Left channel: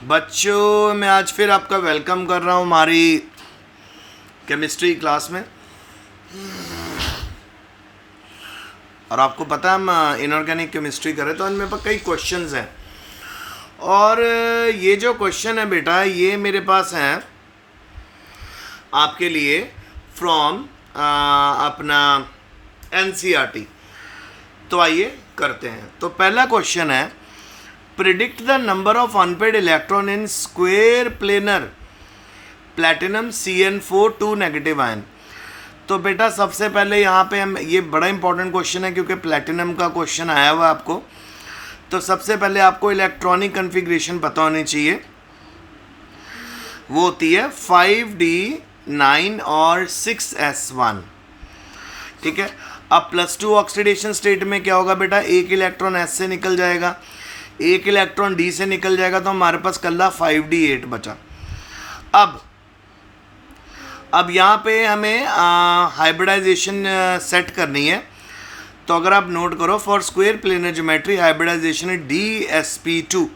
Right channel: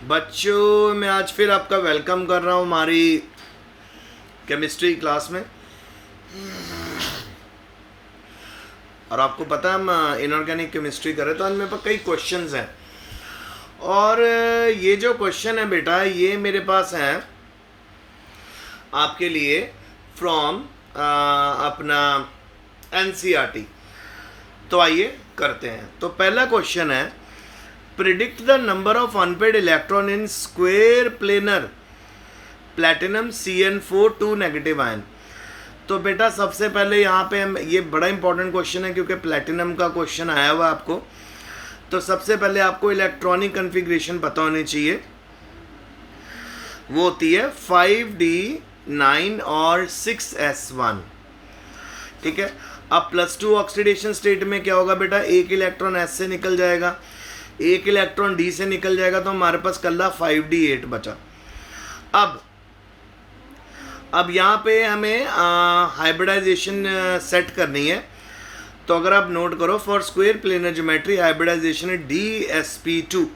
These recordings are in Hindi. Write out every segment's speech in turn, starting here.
बच्चों, मैं आज फिर आपका वेलकम कर रहा हूँ हमारी केमिस्ट्री क्लास में। और आपको पता है हम इनऑर्गेनिक केमिस्ट्री कर रहे हैं, तो आज मेरे पास कई क्वेश्चंस हैं। और ये जो क्वेश्चन है बेटा, ये मेरे पास हैं आपके लिए फ्रॉम अपना एनसीईआरटी। तो आइए करते हैं। तो पहला क्वेश्चन है, predict the number of unpaired electron in square planar platinum CN4 2 negative ion. तो बेटा सबसे पहले यहाँ पे हम, ये बड़ा इंपॉर्टेंट क्वेश्चन है क्योंकि प्लैटिनम का क्वेश्चन आया हुआ है आपको। तो सबसे पहले आपको इलेक्ट्रॉनिक कन्फिग्रेशन पता होनी चाहिए। वो होती है 5D 9 और 6S1। ठीक है। अब +2 ऑक्सीडेशन स्टेट में क्या होगा बेटा, एक इलेक्ट्रॉन S से निकल जाएगा, एक इलेक्ट्रॉन D से निकल जाएगा, तो हमारे पास कल्ला 5D8 बचा। अब यहाँ पे हमें हाइब्रिडाइजेशन सेट करनी है। तो अगर आप नोट करो, for square planar geometry hybridization है DsP2,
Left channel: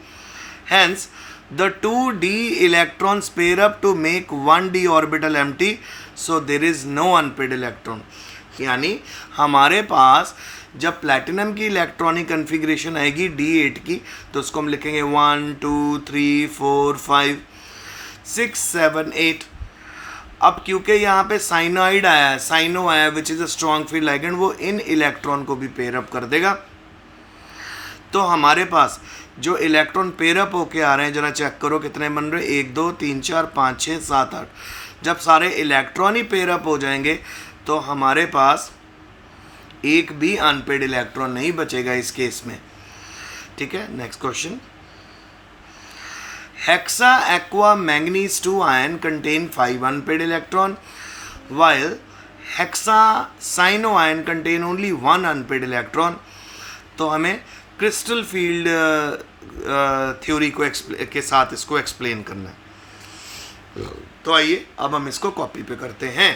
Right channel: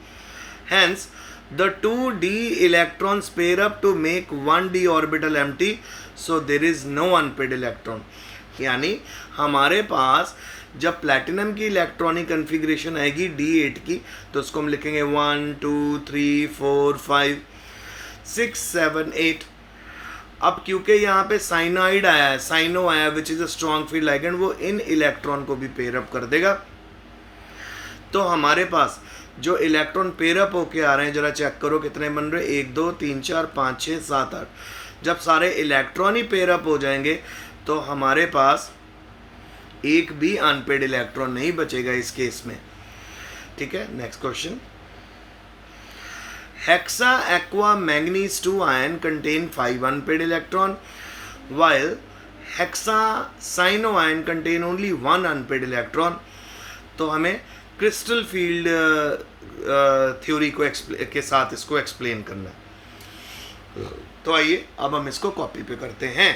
hence the 2D electrons pair up to make 1D orbital empty, so there is no unpaired electron. यानी हमारे पास जब प्लैटिनम की इलेक्ट्रॉनिक कन्फिग्रेशन आएगी D8 की, तो उसको हम लिखेंगे 1 2 3 4 5 6 7 8। अब क्योंकि यहाँ पे साइनाइड आया है, साइनो आया है which is a strong field ligand, वो इन इलेक्ट्रॉन को भी पेयर अप कर देगा। तो हमारे पास जो इलेक्ट्रॉन पेयर अप होके आ रहे हैं, जरा चेक करो कितने बन रहे हैं, 1 2 3 4 5 6 7 8। जब सारे इलेक्ट्रॉन ही पेयर अप हो जाएंगे तो हमारे पास एक भी अनपेड इलेक्ट्रॉन नहीं बचेगा इस केस में। ठीक है। Next question, hexa aqua manganese 2 ion contain 5 unpaired electron, while hexa cyano ion contain only 1 unpaired electron। तो हमें क्रिस्टल फील्ड थ्योरी को के साथ इसको एक्सप्लेन करना है। तो आइए अब हम इसको कॉपी पे करते हैं।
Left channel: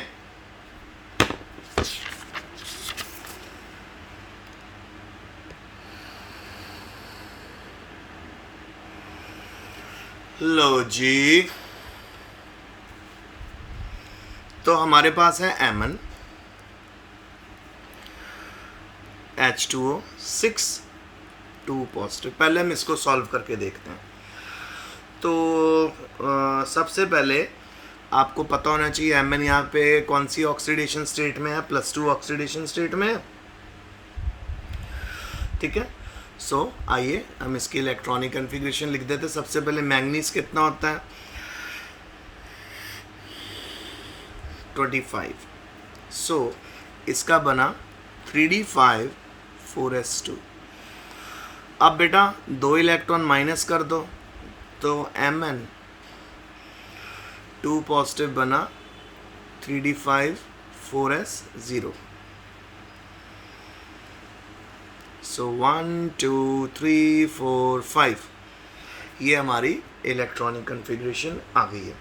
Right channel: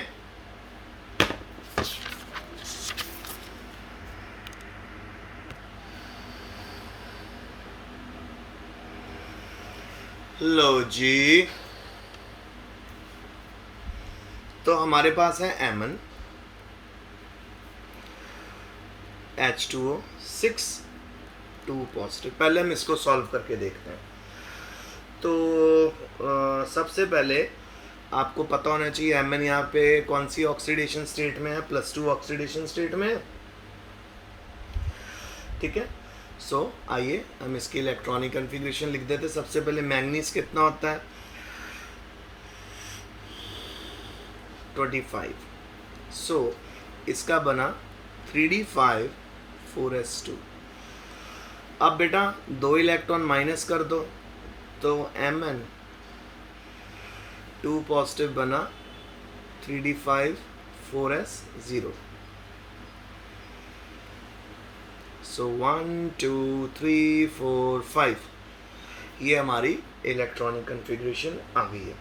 लो जी, तो हमारे पास है Mn H2O 6 2 पॉजिटिव। पहले हम इसको सॉल्व करके देखते हैं। तो सबसे पहले आपको पता होना चाहिए Mn यहाँ पे कौन सी ऑक्सीडेशन स्टेट में है, +2 ऑक्सीडेशन स्टेट में है। ठीक है। सो आइए हम इसकी इलेक्ट्रॉनिक कन्फिग्रेशन लिख देते हैं। सबसे पहले मैंगनीज कितना होता है, 25। सो इसका बना 3D5 4S2। अब बेटा 2 इलेक्ट्रॉन माइनस कर दो, तो Mn 2 पॉजिटिव बना 3D5 4S0। सो 1 2 3 4 5, ये हमारी इलेक्ट्रॉनिक कन्फिग्रेशन आ गई है।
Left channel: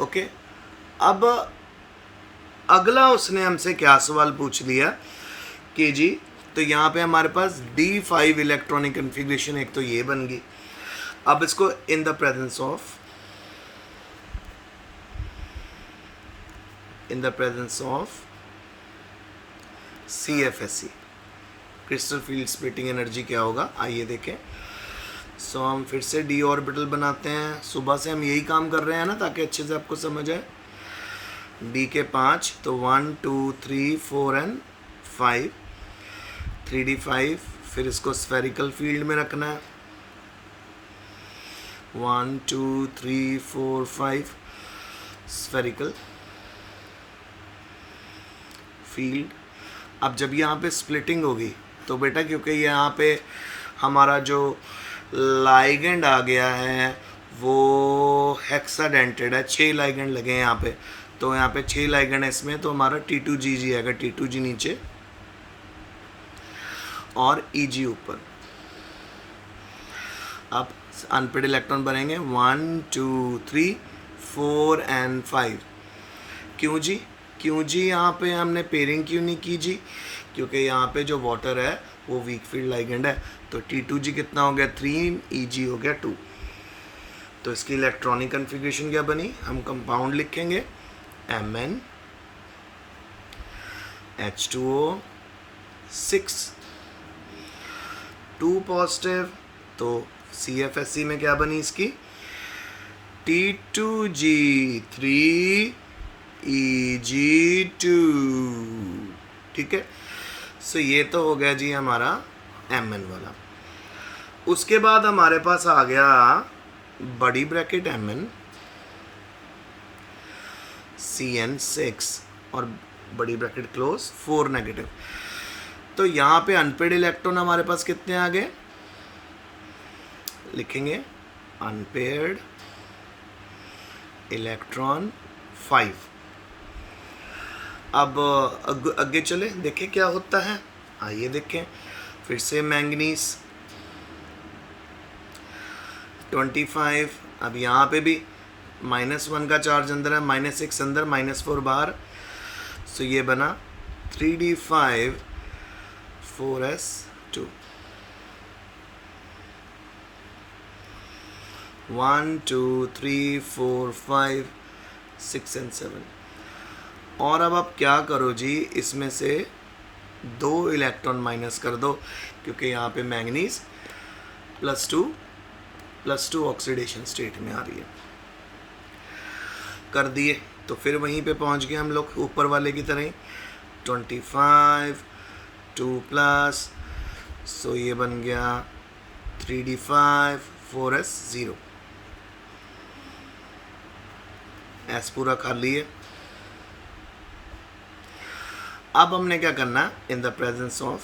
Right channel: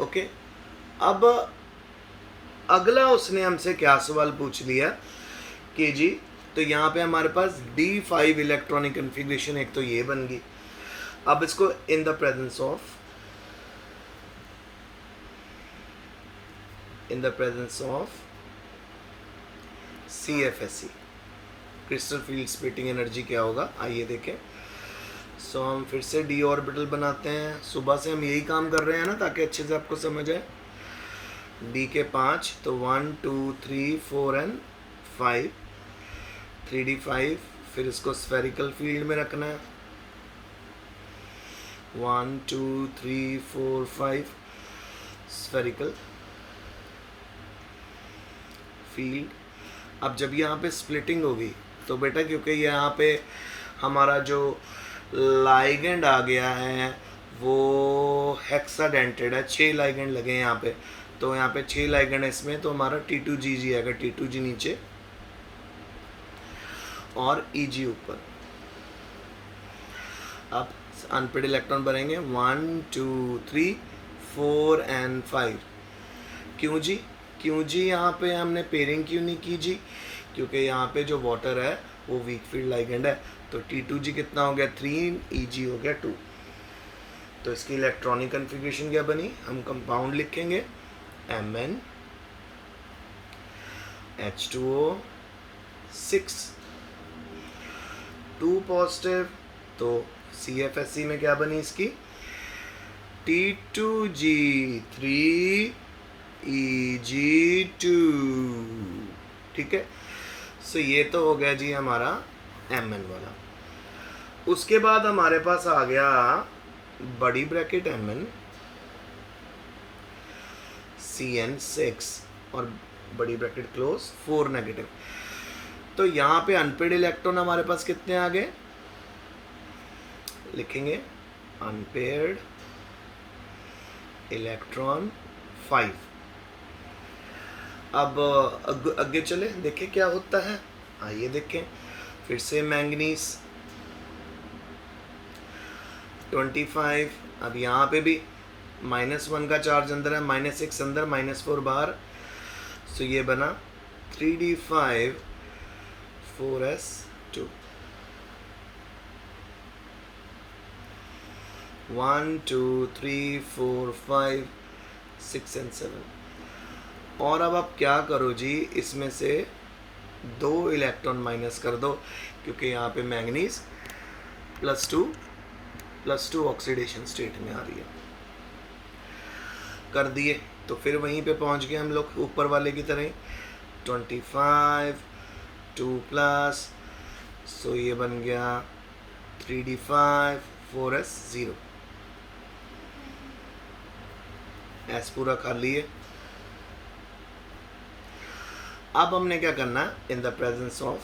ओके। अब अगला उसने हमसे क्या सवाल पूछ लिया कि जी, तो यहाँ पे हमारे पास D5 इलेक्ट्रॉनिक कन्फिग्रेशन एक तो ये बन गई। अब इसको in the presence of CFSE, crystal field splitting energy क्या होगा, आइए देखें। सो हम फिर से D ऑर्बिटल बनाते हैं। सुबह से हम यही काम कर रहे हैं ना, ताकि अच्छे से आपको समझ आए। D के 5, तो 1 2 3 4 एंड 5, 3D5। फिर इसको स्फेरिकल फील्ड में रखना है, 1 2 3 4 5 स्फेरिकल फील्ड। अब जब यहाँ पे स्प्लिटिंग होगी तो बेटा, क्योंकि यहाँ पे हमारा जो लाइगेंड आ गया है वो हेक्साडेंटेड है, 6 लाइगेंड लगे हैं यहाँ पे। तो यहाँ पे 6 लाइगेंड है इसमें, तो हमारा T2G आएगा, T2G नीचे और EG ऊपर। अब अनपेड इलेक्ट्रॉन बनेंगे 1 2 3 4 एंड 5। क्यों जी यहाँ पे हमने पेयरिंग क्यों नहीं की जी, क्योंकि यहाँ पे जो वाटर है वो वीक फील्ड लाइगेंड है। तो T2G कितना हो गया 3, EG हो गया 2। तो इसकी इलेक्ट्रॉनिक कन्फिग्रेशन क्या बनी, हम कंपाउंड लिखेंगे Mn H2O 6 2 पॉजिटिव। तो CFSE में क्या बनी इसकी T2G 3 EG2। ठीक है, सो ये तो हो गया जी हमारा Mn वाला। उसके बाद हमारे पास आ गया बड़ी ब्रैकेट Mn CN6 और बड़ी ब्रैकेट क्लोज 4 नेगेटिव। तो यहाँ पे अनपेड इलेक्ट्रॉन हमारे पास कितने आ गए, लिखेंगे अनपेयर्ड इलेक्ट्रॉन 5। अब आगे चले देखें क्या होता है, आइए देखें फिर से। मैंगनीज 25। अब यहाँ पे भी -1 का चार्ज अंदर है, -6 अंदर, -4 बाहर। सो ये बना 3d5 4s2। 1 2 3 4 5 6 and 7। और अब आप क्या करो जी, इसमें से 2 इलेक्ट्रॉन माइनस कर दो, क्योंकि यहाँ पे मैंगनीज +2 ऑक्सीडेशन स्टेट में आ रही है। कर दिए तो फिर वहीं पे पहुँच गए हम लोग ऊपर वाले की तरह 25 2+। सो ये बन गया 3d5 4s0। एस पूरा खाली है। अब हमने क्या करना, in the presence of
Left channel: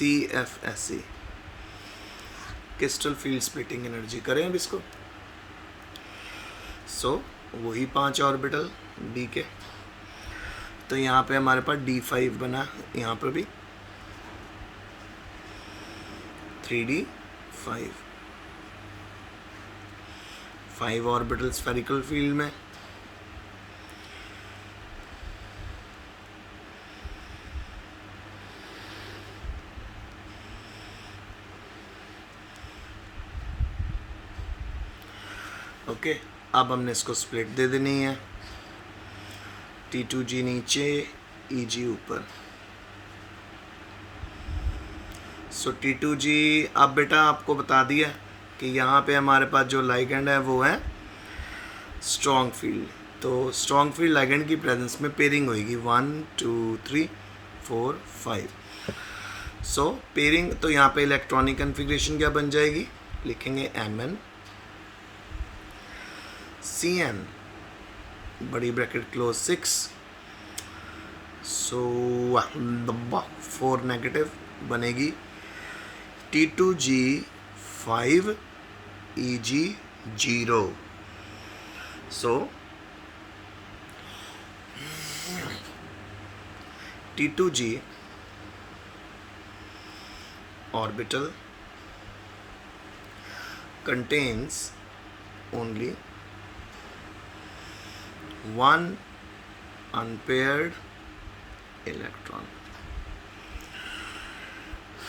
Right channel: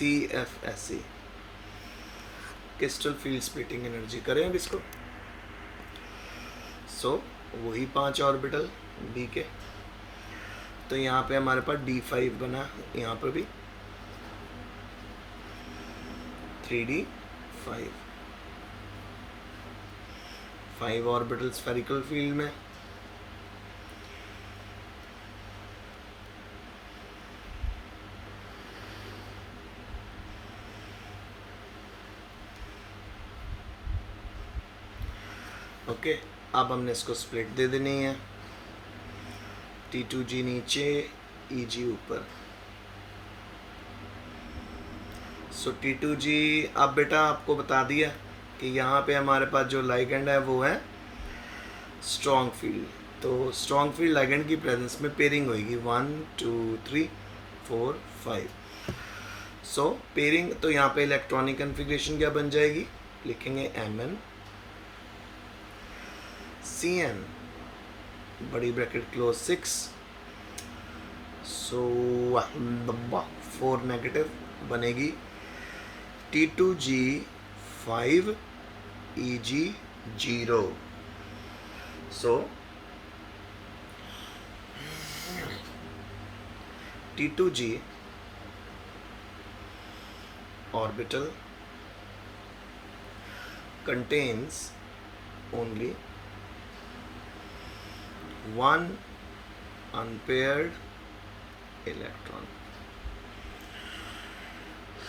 CFSE crystal field splitting energy करें अब इसको। सो वही 5 ऑर्बिटल D के। तो यहाँ पे हमारे पास D5 बना, यहाँ पर भी 3d5 5 ऑर्बिटल स्फेरिकल फील्ड में। ओके, अब हमने इसको स्प्लिट दे देनी है, T2G नीचे EG ऊपर। सो T2G अब बेटा आपको बता दिया कि यहाँ पे हमारे पास जो लाइगेंड है वो है स्ट्रॉन्ग फील्ड। तो स्ट्रॉन्ग फील्ड लाइगेंड की प्रेजेंस में पेयरिंग होगी 1 2 3 4 5। सो पेयरिंग, तो यहाँ पे इलेक्ट्रॉनिक कन्फिग्रेशन क्या बन जाएगी, लिखेंगे Mn CN बड़ी ब्रैकेट क्लोज 6। सो 4 नेगेटिव बनेगी T2G 5 EG 0। सो T2G orbital contains only one unpaired electron।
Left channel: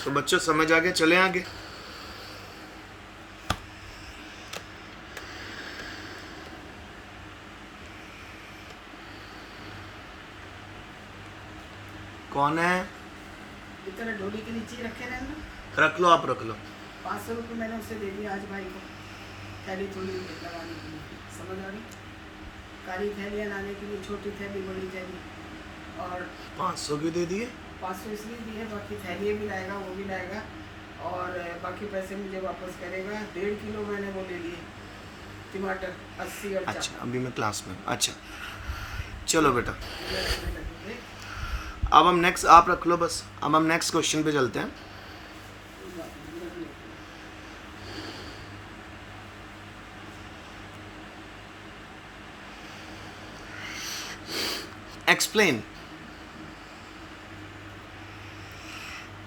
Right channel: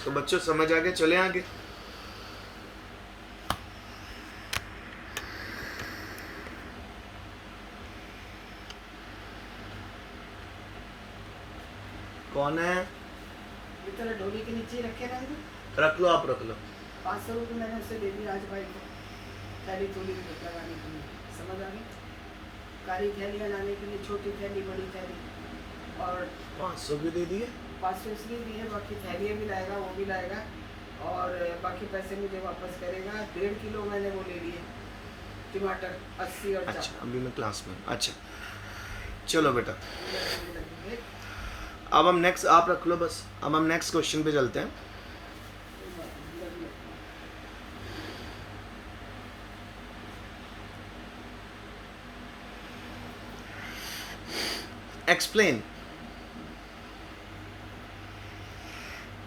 तो बच्चों समझ आगे, चले आगे। कौन है, इतना ढोली के नीचे रखे रहना। रख लो, आप रख लो। 500 रुपये मैंने उससे दे दिया आज भाई को, थैली थोड़ी लगाने के लिए, समझ आ रही, काली थैलियाँ लाने के लिए, छोटी थैली बड़ी थैली। और 500 की दे दिए, 500 इसलिए दी है, बाकी थैलियाँ भी लाएगा, वो भी लाएगा, और बाकी पैसे मुझे वापस करेगा। 1.5 किलो मैंने वो ले लिए टमाटर 80 और अच्छा अभी मैं क्लास में। अच्छा चलो बेटा, 40। अब हम नेक्स्ट, आप रख लो बस, अब हम नेक्स्ट क्वेश्चन पे चलते हैं।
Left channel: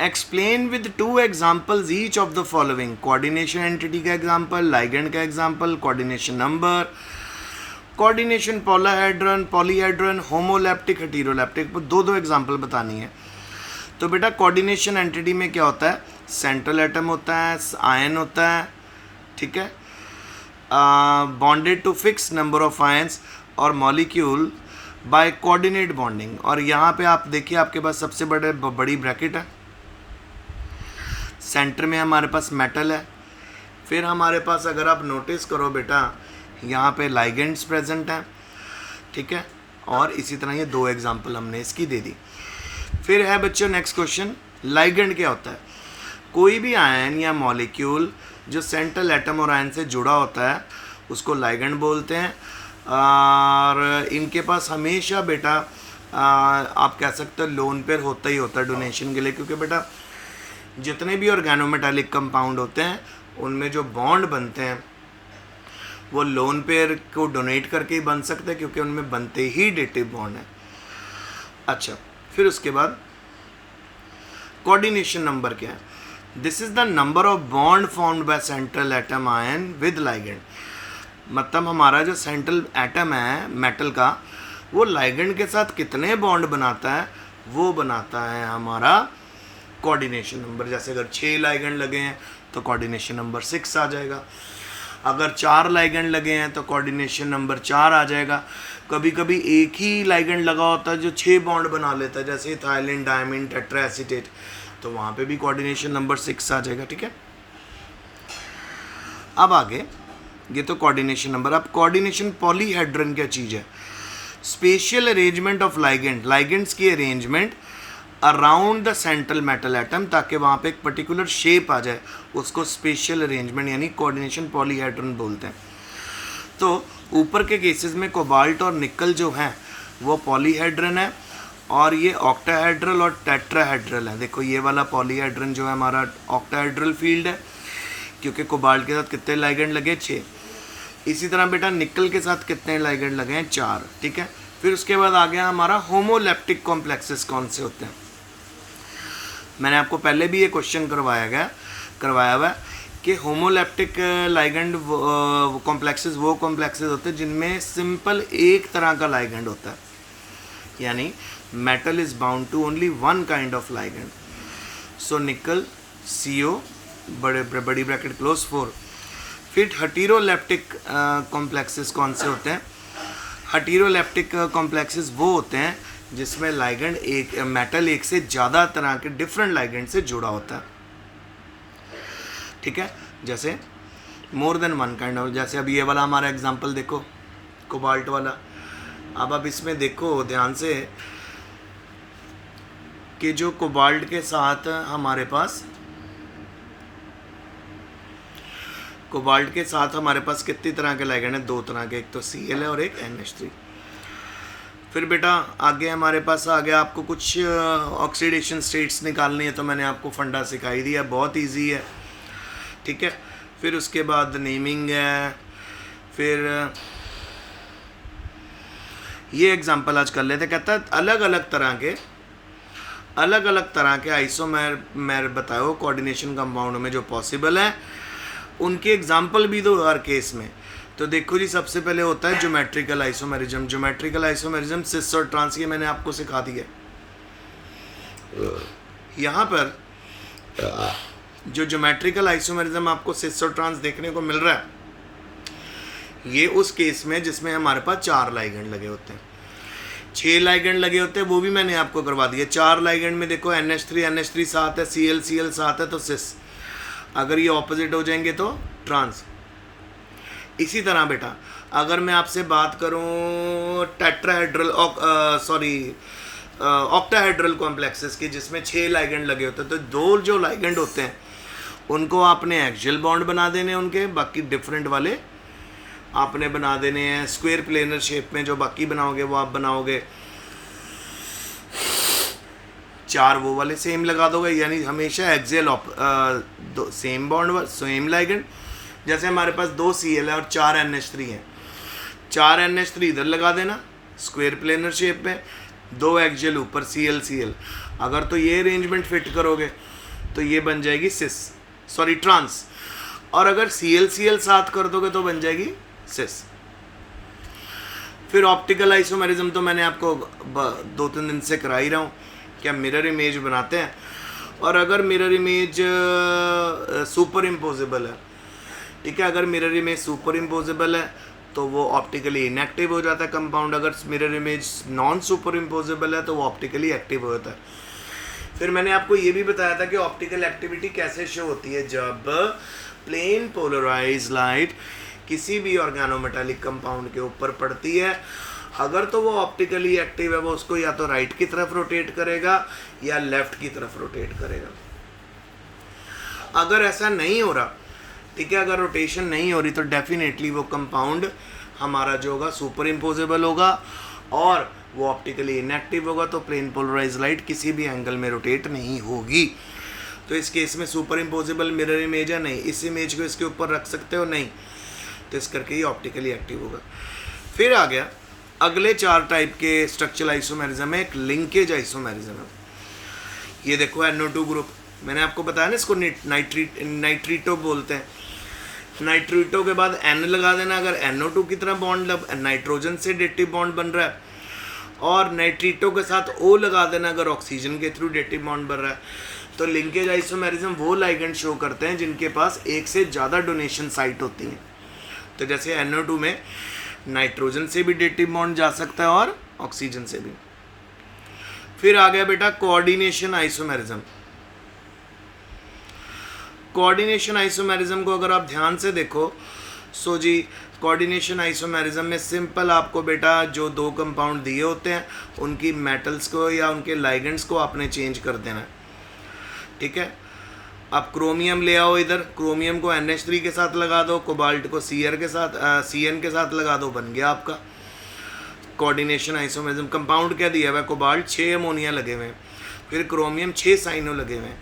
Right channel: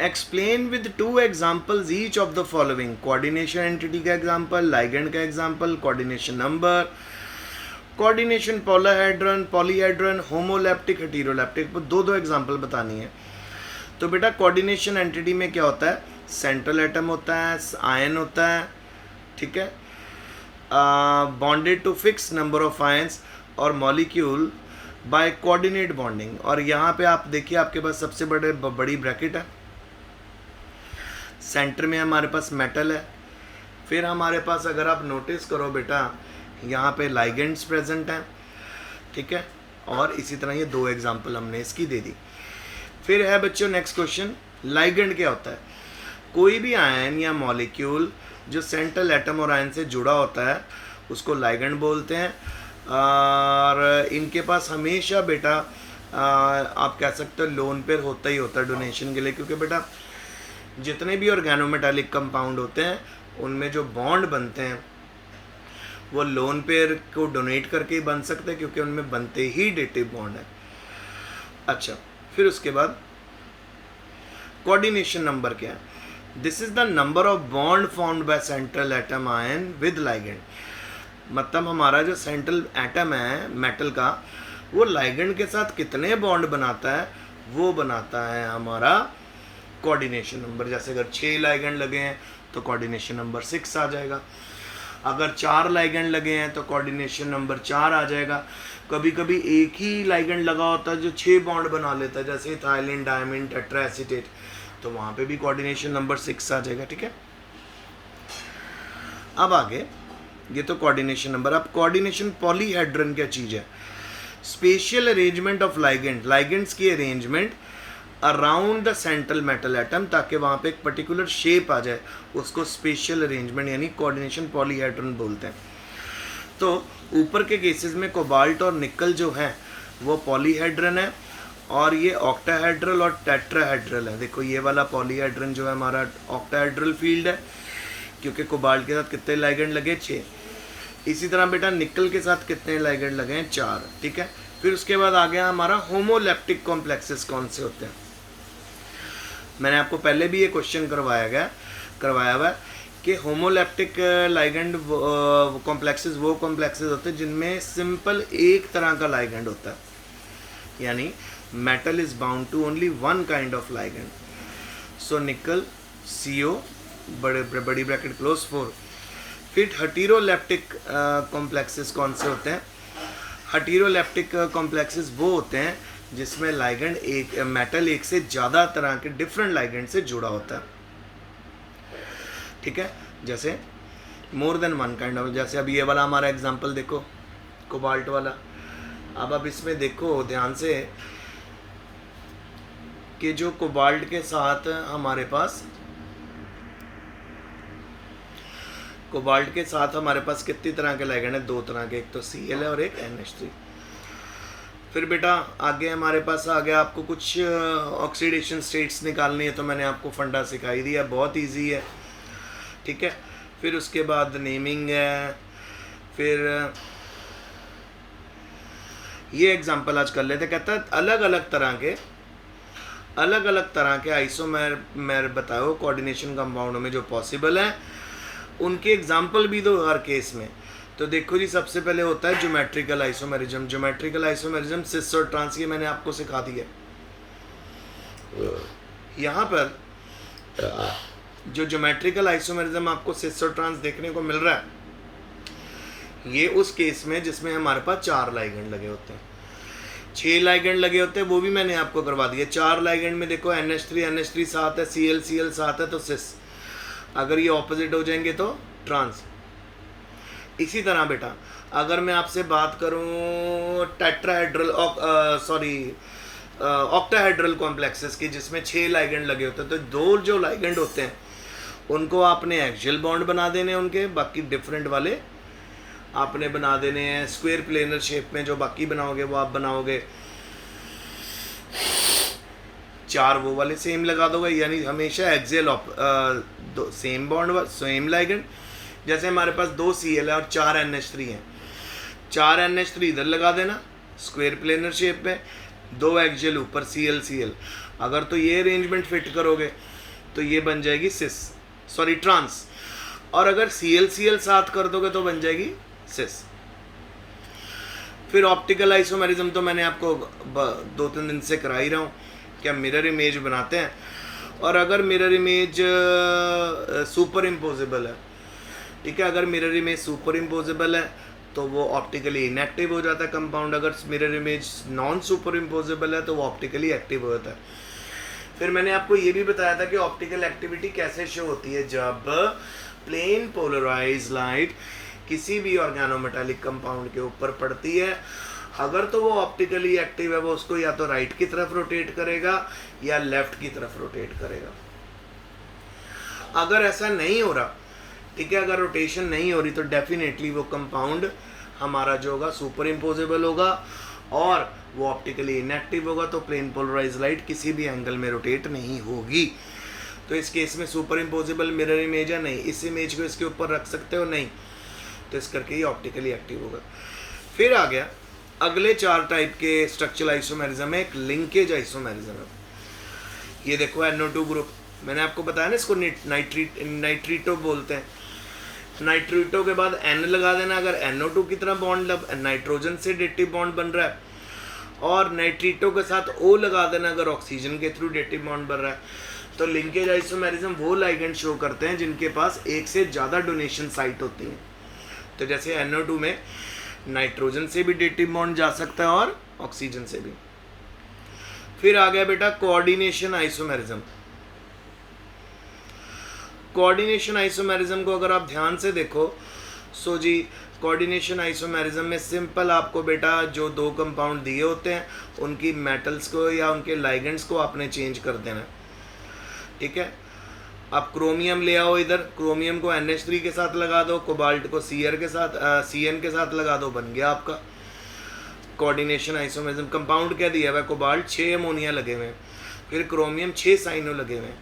Explain with 2 examples each of the following. Coordination entity का एग्जाम्पल, लाइगेंड का example, coordination number, coordination polyhedron, polyhedron, homoleptic, heteroleptic, दो दो एग्जांपल बतानी है। तो बेटा कोऑर्डिनेशन एंटिटी में क्या होता है, सेंट्रल एटम होता है, आयन होता है, ठीक है, bonded to fix number of ions और मॉलिक्यूल बाय कोऑर्डिनेट बॉन्डिंग। और यहाँ पे आप देखिए आपके पास सबसे बड़ी ब्रैकेट है, सेंटर में हमारे पास मेटल है, फिर हमारे पास अगर आप नोटिस करो बेटा यहाँ पे लाइगेंड्स प्रेजेंट हैं, ठीक है, और इसी तरह ये दो एग्जांपल हमने इसकी दे दी। फिर है बच्चों नेक्स्ट क्वेश्चन, लाइगेंड क्या होता है, कोई भी आयन या मॉलिक्यूल जो सेंट्रल एटम और आयन से जुड़ा होता है उसको लाइगेंड बोलते हैं। और इनके पास हमेशा बेटा आप कह सकते हो लोन पेयर होता ही होता है डोनेशन के लिए, क्योंकि बेटा जितने भी ऑर्गेनोमेटालिक कंपाउंड होते हैं उनमें जो बॉन्ड बनते हैं वो लोन पेयर को डोनेट करके ही बन सकते हैं, क्योंकि उनमें बनते ही डेटिव बॉन्ड है। अच्छा, फिर उसके बाद कोऑर्डिनेशन नंबर क्या है, this is the number of bond formed by central atom ion with ligand. मतलब हमारा जो सेंट्रल एटम है मेटल का, वो लाइगेंड के साथ कितने बॉन्ड बनाता है, वो बनाता है हमारा कोऑर्डिनेशन नंबर। जैसे अगर 6 लाइगेंड लगे हैं तो कोऑर्डिनेशन नंबर 6 आ जाएगा, अगर 4 लाइगेंड लगे हैं तो कोऑर्डिनेशन नंबर 4 आ जाएगा। कभी कभी एक ही लाइगेंड लगा होता है जो 6 बॉन्ड बना लेता है, जैसे इथाइलिन, डायमिन, टेट्राएसीटेट, तो वहाँ पे भी कोऑर्डिनेशन नंबर 6 आ जाएगा, ठीक है। अब आगे ये तो कोऑर्डिनेशन नंबर। अब कोऑर्डिनेशन पॉलीहेड्रन क्या चीज़ है, special arrangement of ligand, ligands की arrangement around the central metal atom, ताकि वहाँ पे एक पर्टिकुलर शेप आ जाए, उसको स्पेशल अरेंजमेंट यानी कोऑर्डिनेशन पॉलीहेड्रन बोलते हैं। तो ऊपर के केसेस में कोबाल्ट और निकल जो हैं वो पॉलीहेड्रन है, और ये ऑक्टाहेड्रल और टेट्राहेड्रल है। देखो ये वाला पॉलीहेड्रन जो है हमारा ऑक्टाहेड्रल फील्ड है, क्योंकि कोबाल्ट के साथ कितने लाइगेंड लगे, 6। इसी तरह बेटा निकल के साथ कितने लाइगेंड लगे हैं, 4, ठीक है। फिर उसके बाद आ गया हमारा होमोलैप्टिक कॉम्प्लेक्सेस कौन से होते हैं। मैंने आपको पहले भी ये क्वेश्चन करवाया हुआ है कि होमोलैप्टिक लाइगेंड कॉम्प्लेक्सेस वो कॉम्प्लेक्सेस होते हैं जिनमें सिंपल एक तरह का लाइगेंड होता है, यानी metal is bound to only one kind of ligand. So nickel CO बड़ी ब्रैकेट क्लोज 4। फिर हेटेरोलैप्टिक कॉम्प्लेक्सेस कौन से होते हैं, हेटेरोलैप्टिक कॉम्प्लेक्सेस वो होते हैं जिसमें लाइगेंड एक मेटल एक से ज़्यादा तरह के डिफरेंट लाइगेंड से जुड़ा होता है, ठीक है। जैसे more than one kind of, जैसे अब ये वाला हमारा एग्जांपल देखो कोबाल्ट वाला। अब इसमें देखो ध्यान से कि जो कोबाल्ट के साथ हमारे पास कितनी तरह के लाइगेंड है, 2 तरह के, एक तो Cl है और एक NH3। फिर बेटा आगे हमारे पास आ गया, आपको कुछ ऑक्सीडेशन स्टेट्स निकालनी है तो मैंने आपको फंडा सिखाई दिया, बहुत इजी है, ठीक है। फिर उसके बाद नेमिंग है। फिर ये एग्जांपल आज कर लेते, कहता है अलग अलग तरह के आइसोमेर बताओ कोऑर्डिनेशन कंपाउंड में जो पॉसिबल है, उनके एग्जांपल भी दो हर केस में। तो देखो जी, सबसे पहले होता है ज्योमेट्रिकल आइसोमेरिज्म। ज्योमेट्रिकल आइसोमेरिज्म सिस और ट्रांस, ये मैंने आपको सिखा दिया। यहाँ पर जो ज्योमेट्रिकल आइसोमेरिज्म आपको सिस और ट्रांस देखने को मिल रहा है, ये उस केस में जिसमें हमारे पास 4 लाइगेंड लगे होते हैं। 6 लाइगेंड लगे होते हैं वो भी मैंने आपको करवा दिया। 4 लाइगेंड में देखो NH3 साथ है, Cl साथ है, तो सिस। अगर ये ऑपोजिट हो जाएंगे तो ट्रांस। इसी तरह बेटा अगर मैं आपसे बात करूं टेट्राहेड्रल ऑक्टाहेड्रल कॉम्प्लेक्सेस की, जिसमें 6 लाइगेंड लगे होते हैं, तो 2 जो लाइगेंड होते हैं उनको आपने एक्सियल बॉन्ड बना देने हैं उनके, बाकी डिफरेंट वाले आपने बना देने हैं स्क्वायर प्लेनर शेप में। जो बाकी बनाओगे वो आप बनाओगे 4 वो वाले सेम लगा दोगे, यानी हमेशा axial same bond same ligand. जैसे हमारे पास 2 Cl है और 4 NH3 हैं, 4 NH3 इधर लगा देना स्क्वायर प्लेनर शेप में, 2 एक्सियल ऊपर Cl। अगर तो ये अरेंजमेंट फिट करोगे तो ये बन जाएगी ट्रांस, और अगर Cl साथ कर दोगे तो बन जाएगी सिस। फिर ऑप्टिकल आइसोमेरिज्म तो मैंने आपको 2-3 दिन से करा ही रहा हूँ कि हम मिरर इमेज बनाते हैं, और अगर मिरर इमेज सुपर इम्पोजेबल है, ठीक है, अगर मिरर इमेज सुपर इम्पोजेबल है तो वो ऑप्टिकली इनएक्टिव हो जाता है कंपाउंड, अगर mirror image non super imposable है तो वो ऑप्टिकली एक्टिव हो जाता है। फिर मैंने आपको ये भी बताया था कि ऑप्टिकल एक्टिविटी कैसे शो होती है, जब प्लेन पोलराइज लाइट किसी भी ऑर्गेनोमेटालिक कंपाउंड के ऊपर पड़ती है, अगर तो वो ऑप्टिकली एक्टिव है, वो उसको या तो राइट की तरफ रोटेट करेगा या लेफ्ट की तरफ रोटेट करेगा। अगर ऐसा नहीं हो रहा, ठीक है, अगर रोटेशन नहीं हो रही तो डेफिनेटली वो कंपाउंड हमारा जो होगा सुपर इम्पोजेबल होगा और वो ऑप्टिकली इनएक्टिव होगा, तो प्लेन पोलराइज लाइट किसी भी एंगल में रोटेट नहीं होगी। तो इस केस में सुपर इम्पोजेबल मिरर इमेज है, नहीं, इस इमेज को इसके ऊपर रख सकते हो, नहीं, तो इस करके ये ऑप्टिकली एक्टिव होगा। फिर आ गया अगले 4 टाइप के स्ट्रक्चरल आइसोमेरिज्म है। एक लिंकेज आइसोमेरिज्म है, ये देखो NO2 ग्रुप, मैंने आपको बताया ना इसको नाइट्रीटो बोलते हैं। नाइट्रीटो के बाद N लगा देना, अगर NO2 की तरह बॉन्ड नाइट्रोजन से डेटिव बॉन्ड बन रहा है, और नाइट्रीटो के साथ O लगा देना अगर ऑक्सीजन के थ्रू डेटिव बॉन्ड बन रहा है। तो लिंकेज आइसोमेरिज्म वो लाइगेंड शो करते हैं जिनके पास एक से ज़्यादा डोनेशन साइट होती हैं। तो जैसे NO2 में नाइट्रोजन से भी डेटिव बॉन्ड जा सकता है और ऑक्सीजन से भी। फिर आ गया बेटा कोऑर्डिनेशन आइसोमेरिज्म। कोऑर्डिनेशन आइसोमेरिज्म को अगर आप ध्यान से देखो, सो जी कोऑर्डिनेशन आइसोमेरिज्म में सिंपल आपको बेटा जो 2 कंपाउंड दिए होते हैं उनकी मेटल्स को या उनके लाइगेंड्स को आपने चेंज कर देना है, ठीक है। अब क्रोमियम ले आओ इधर, क्रोमियम को NH3 के साथ लगा दो, कोबाल्ट को Cr के साथ Cn के साथ लगा दो, बन गया आपका कोऑर्डिनेशन आइसोमेरिज्म। कंपाउंड क्या दिया हुआ है, कोबाल्ट 6 अमोनिया लगे हुए हैं, फिर क्रोमियम 6 साइनो लगे हुए हैं,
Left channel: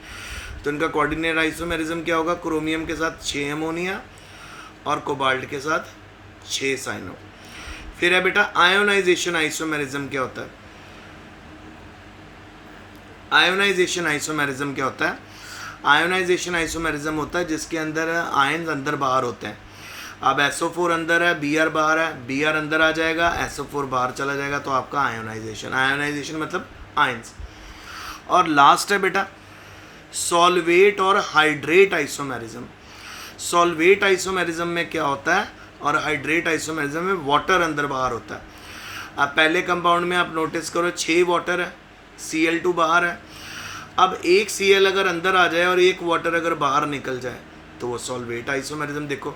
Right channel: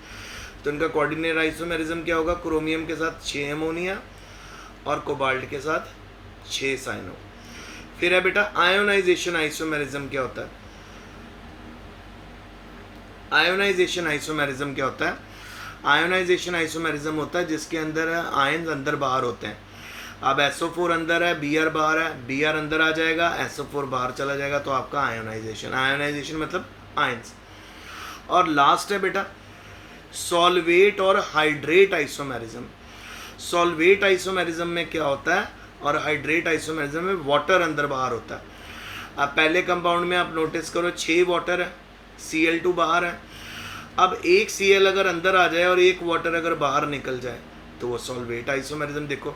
तो इनका कोऑर्डिनेट आइसोमेरिज्म क्या होगा, क्रोमियम के साथ 6 अमोनिया और कोबाल्ट के साथ 6 साइनो। फिर है बेटा आयोनाइजेशन आइसोमेरिज्म। क्या होता है आयोनाइजेशन आइसोमेरिज्म? क्या होता है आयोनाइजेशन आइसोमेरिज्म? होता है जिसके अंदर आयन्स अंदर बाहर होते हैं। अब SO4 अंदर है, Br बाहर है, Br अंदर आ जाएगा, SO4 बाहर चला जाएगा, तो आपका आयोनाइजेशन। आयोनाइजेशन मतलब आयन्स। और लास्ट है बेटा सॉल्वेट और हाइड्रेट आइसोमेरिज्म। सॉल्वेट आइसोमेरिज्म में क्या होता है और हाइड्रेट आइसोमेरिज्म में वाटर अंदर बाहर होता है। अब पहले कंपाउंड में आप नोटिस करो 6 वाटर है, Cl2 बाहर है। अब एक Cl अगर अंदर आ जाए और एक वाटर अगर बाहर निकल जाए तो वो सॉल्वेट आइसोमेरिज्म। देखो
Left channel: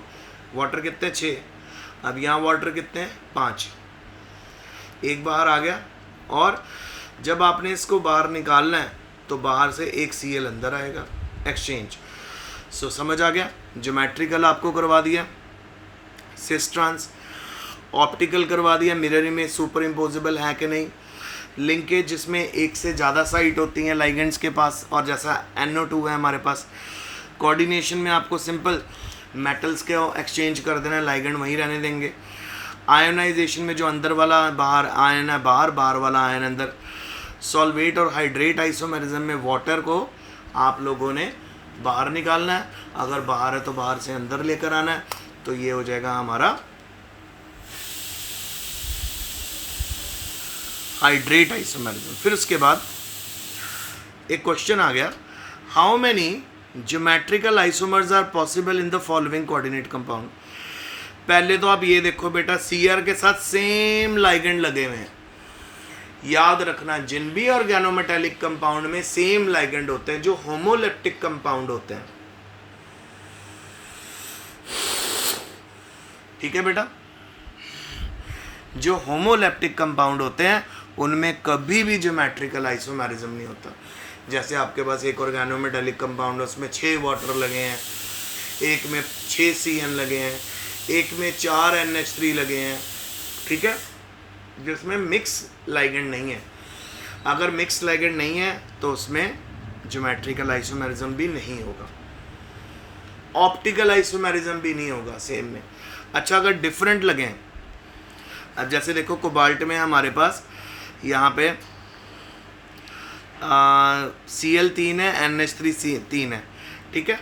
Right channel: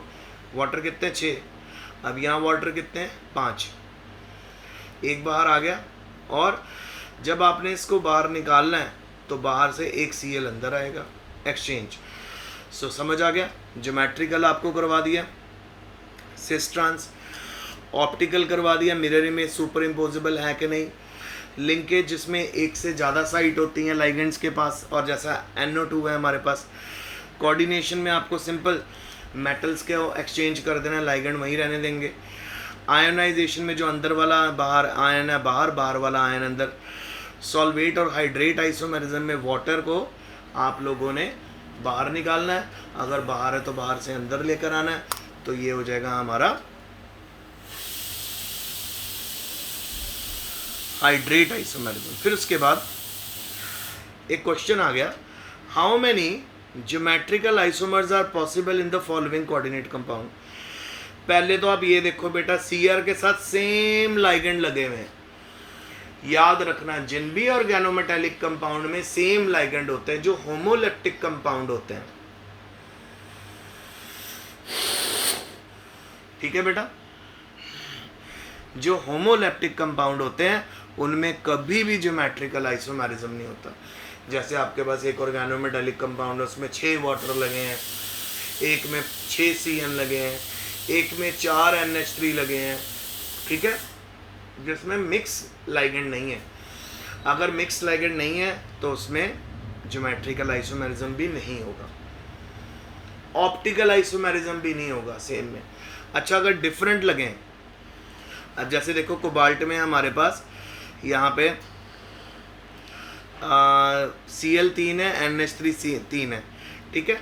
वाटर कितने 6, अब यहाँ वाटर कितने 5, एक बाहर आ गया, और जब आपने इसको बाहर निकालना है तो बाहर से एक Cl अंदर आएगा, एक्सचेंज। सो समझ आ गया। ज्योमेट्रिकल आपको करवा दिया, सिस ट्रांस, ऑप्टिकल करवा दिया, मिरर इमेज सुपर इम्पोजेबल है कि नहीं, लिंकेज जिसमें एक से ज़्यादा साइट होती हैं लाइगेंड्स के पास, और जैसा NO2 है हमारे पास। कोऑर्डिनेशन में आपको सिंपल मेटल्स के एक्सचेंज कर देना, लाइगेंड वहीं रहने देंगे। आयोनाइजेशन में जो अंदर वाला बाहर आयन है बाहर, बाहर वाला आयन अंदर। सॉल्वेट और हाइड्रेट आइसोमेरिज्म में वाटर को आप लोगों ने बाहर निकालना है, अगर बाहर है तो बाहर से अंदर लेकर आना है, तो ये हो जाएगा हमारा हाइड्रेट आइसोमेरिज्म। फिर उसके बाद एक क्वेश्चन आ गया, how many geometrical isomers are possible in the following coordinate compound. पहले तो आप ये देखो बेटा Cr के साथ सेम लाइगेंड लगे हुए हैं। याद रखना जिन भी ऑर्गेनोमेटालिक कंपाउंड में सेम लाइगेंड होते हैं, जो होमोलेप्टिक कंपाउंड होते हैं, ठीक है बेटा, जो होमोलेप्टिक कंपाउंड होते हैं उनमें कभी भी ज्योमेट्रिकल आइसोमेरिज्म नहीं होता। जैसे आपके पास एक ऑर्गेनोमेटालिक कंपाउंड है, उसमें 6 वाटर लगे हैं, एक में 6 Cn लगे हैं, एक में 4 NH3 लगे हैं, ठीक है, जिसमें मिक्स लाइगेंड नहीं है। अगर मिक्स लाइगेंड नहीं है तो उसमें ज्योमेट्रिकल आइसोमेरिज्म भी नहीं होगा, ऑप्टिकल आइसोमेरिज्म भी नहीं होगा सेम में। अच्छा, अगर डिफरेंट लगें, अब जैसे देखो कोबाल्ट में हमारे पास यहाँ पे Cl3 है, NH3 है, ठीक है।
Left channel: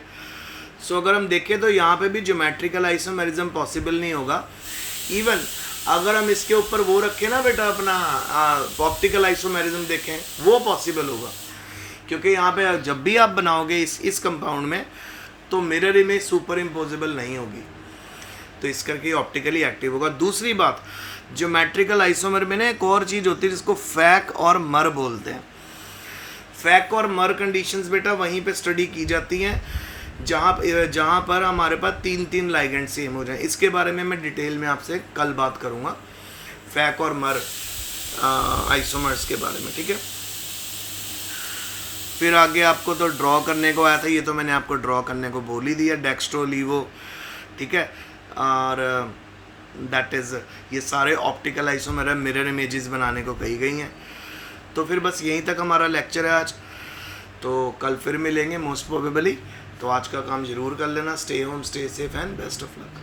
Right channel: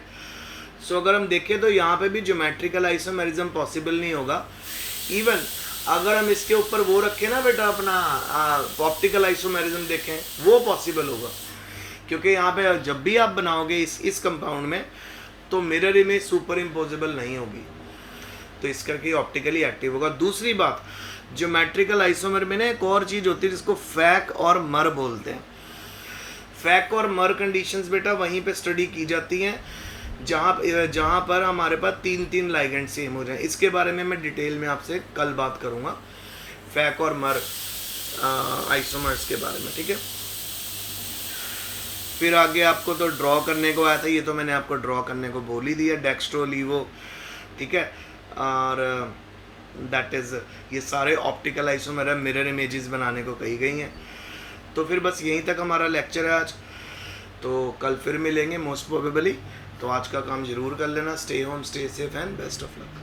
सो अगर हम देखें तो यहाँ पे भी ज्योमेट्रिकल आइसोमेरिज्म पॉसिबल नहीं होगा। इवन अगर हम इसके ऊपर वो रखें ना बेटा अपना ऑप्टिकल आइसोमेरिज्म देखें, वो पॉसिबल होगा, क्योंकि यहाँ पे जब भी आप बनाओगे इस कंपाउंड में तो मिरर इमेज सुपर इम्पोजेबल नहीं होगी, तो इस करके ऑप्टिकली एक्टिव होगा। दूसरी बात, ज्योमेट्रिकल आइसोमर में ना एक और चीज़ होती है जिसको फैक और मर बोलते हैं। फैक और मर कंडीशंस बेटा वहीं पे स्टडी की जाती हैं जहाँ पर हमारे पास 3 लाइगेंड सेम हो जाए। इसके बारे में मैं डिटेल में आपसे कल बात करूँगा, फैक और मर आइसोमर्स के बारे में, ठीक है। फिर आगे आपको तो ड्रॉ करने को आया था, ये तो मैंने आपको ड्रॉ करने को बोल ही दिया, डेक्स्ट्रो लीवो, ठीक है। और दैट इज़ ये सारे ऑप्टिकल आइसोमर है, मिरर इमेजेस बनाने को कही गई हैं। तो फिर बस यहीं तक हमारा लेक्चर है आज, तो कल फिर मिलेंगे मोस्ट प्रोबेबली। तो आज का काम ज़रूर कर लेना। Stay home, stay safe and best of luck.